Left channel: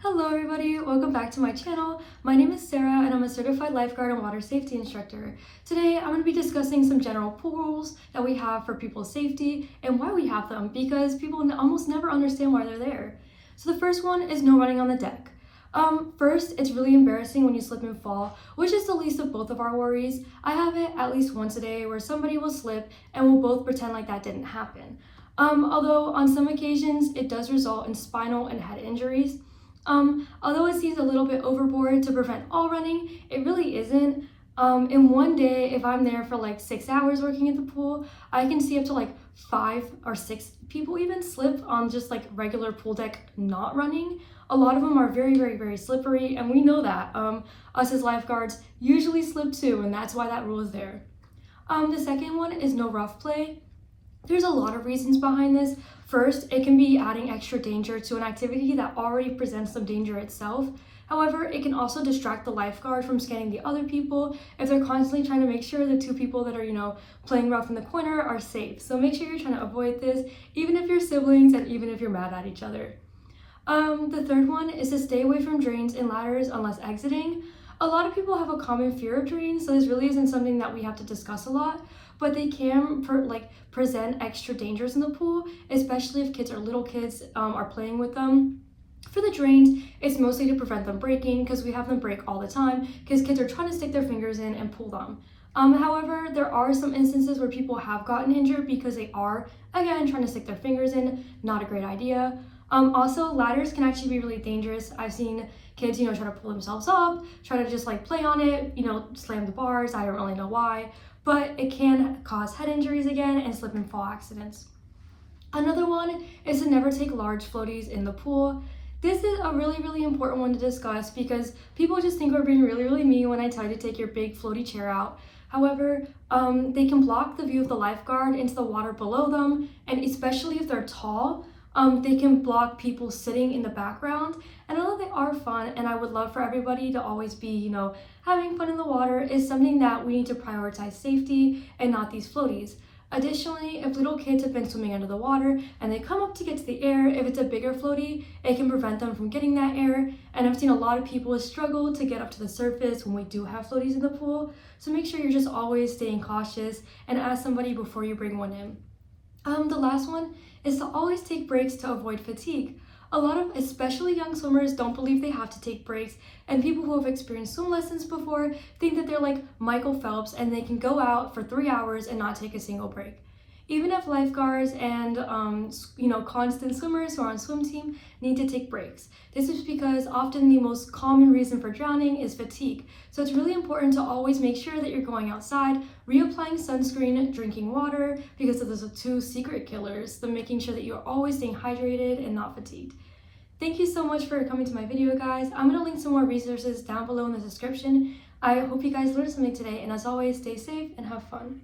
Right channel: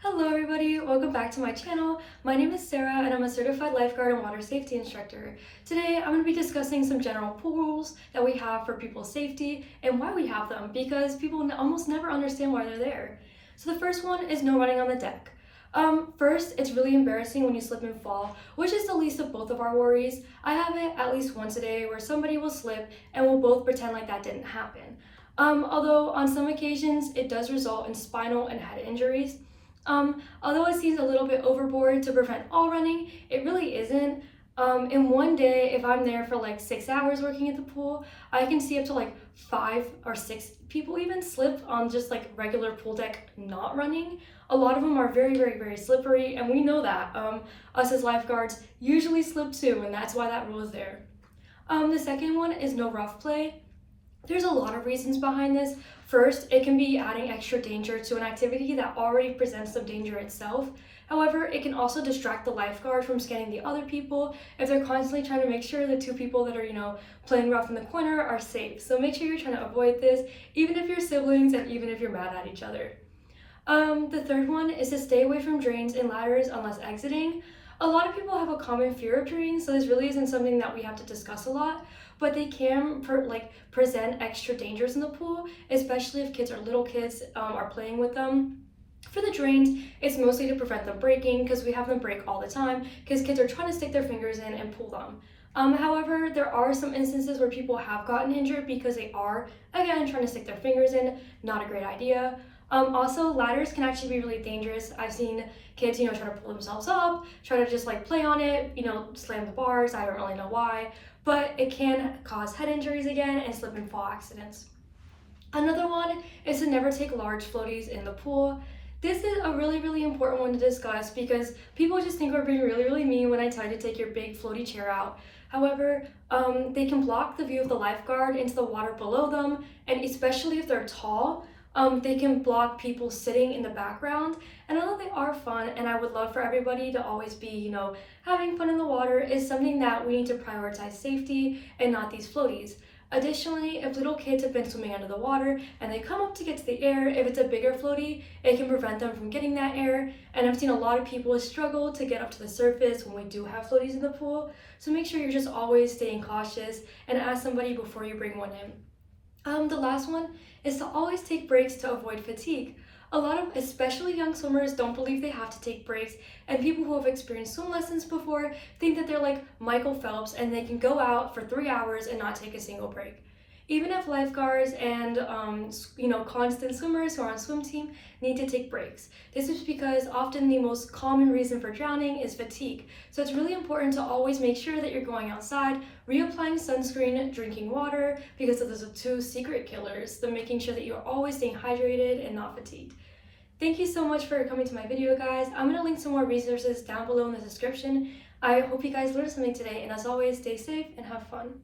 Hello everybody, welcome back to my channel. My name is Sarah and I'm a certified lifeguard and water safety instructor. Today I'm going to be discussing some general pool rules that we have for people's safety and why we have them, because people almost never understand why they're there. So the first one is no running on the deck. First, it's really embarrassing when you slip and fall, which is the least of both of our worries. I have it at least once a day where somebody will slip and we'll both pretend like that didn't happen. Although on some occasions it does result in spinal and head injuries. Although it seems a little bit overboard to prevent all running, it really isn't. In one day, if I'm there for like 6 hours working at the pool, I can see up to like 5 or 6 people even slip on just like regular pool deck not running. A lot of them are very slippery, and we know that. Us as lifeguards usually slip too, and that's why that rule is there. The second one is no rough play. There's a lot of reasons behind this. First, it can be adding extra danger to an activity that already presents some danger itself. However, it can also distract the lifeguard from scanning the other people if they're constantly trying to make sure the 2 people that are, playing rough in the corner are safe. So make sure you're trying to avoid this, even if you're siblings and even if you're mad at each other. The third one is to stay away from drains and ladders unless exiting. A lot of people have a common fear of drains, so this really isn't something that we have to discuss a lot, but they can present extra dangers in the pool, especially if little kids are playing with them. For the drains, it's mostly to prevent them breaking, because we have them break all the time because kids are trying to stick their fingers in and pull them. However, there are some instances where people have gotten injured because they are, again, trying to stick their fingers in. Not a great idea. Also, ladders can actually be really dangerous. I've seen kids, try to pull themselves up, try to just play on it, slam the bars. I don't really know why, but it can cause head injuries again and slip and fall accidents. Another one is to never take large floaties in the pool. This is a really important one to discuss because people just think we're being really mean when I tell you to take your big floaty chair out. However, they can block the view of the lifeguard into the water below them, and especially if they're tall, they can block people sitting in the background. And although they are fun, and I would love for everybody to always be, having fun in the water, is something that we need to prioritize safety and not these floaties. Additionally, if little kids have been swimming under the water and they come up to get to the air, if it's a bigger floaty, it can prevent them from getting that air. And I've seen a lot of people struggle to get up to the surface when we do have floaties in the pool. So make sure you're just always staying cautious and ask somebody before you bring one in. The last one is to always take breaks to avoid fatigue. A lot of especially young swimmers don't believe they have to take breaks, and people who have experienced swim lessons before think that they're like Michael Phelps and they can go out for 3 hours and not take a single break. Even if lifeguards and constant swimmers who are on swim team need to take breaks. This is because often the most common reason for drowning is fatigue. So it's really important to always make sure that you're going outside, reapplying sunscreen, drinking water, because those are 2 secret killers. So making sure that you're always staying hydrated and not fatigued. Thank you so much for coming to my video, guys. I'm going to link some more resources down below in the description. I hope you guys learned something today, and as always, stay safe and have fun.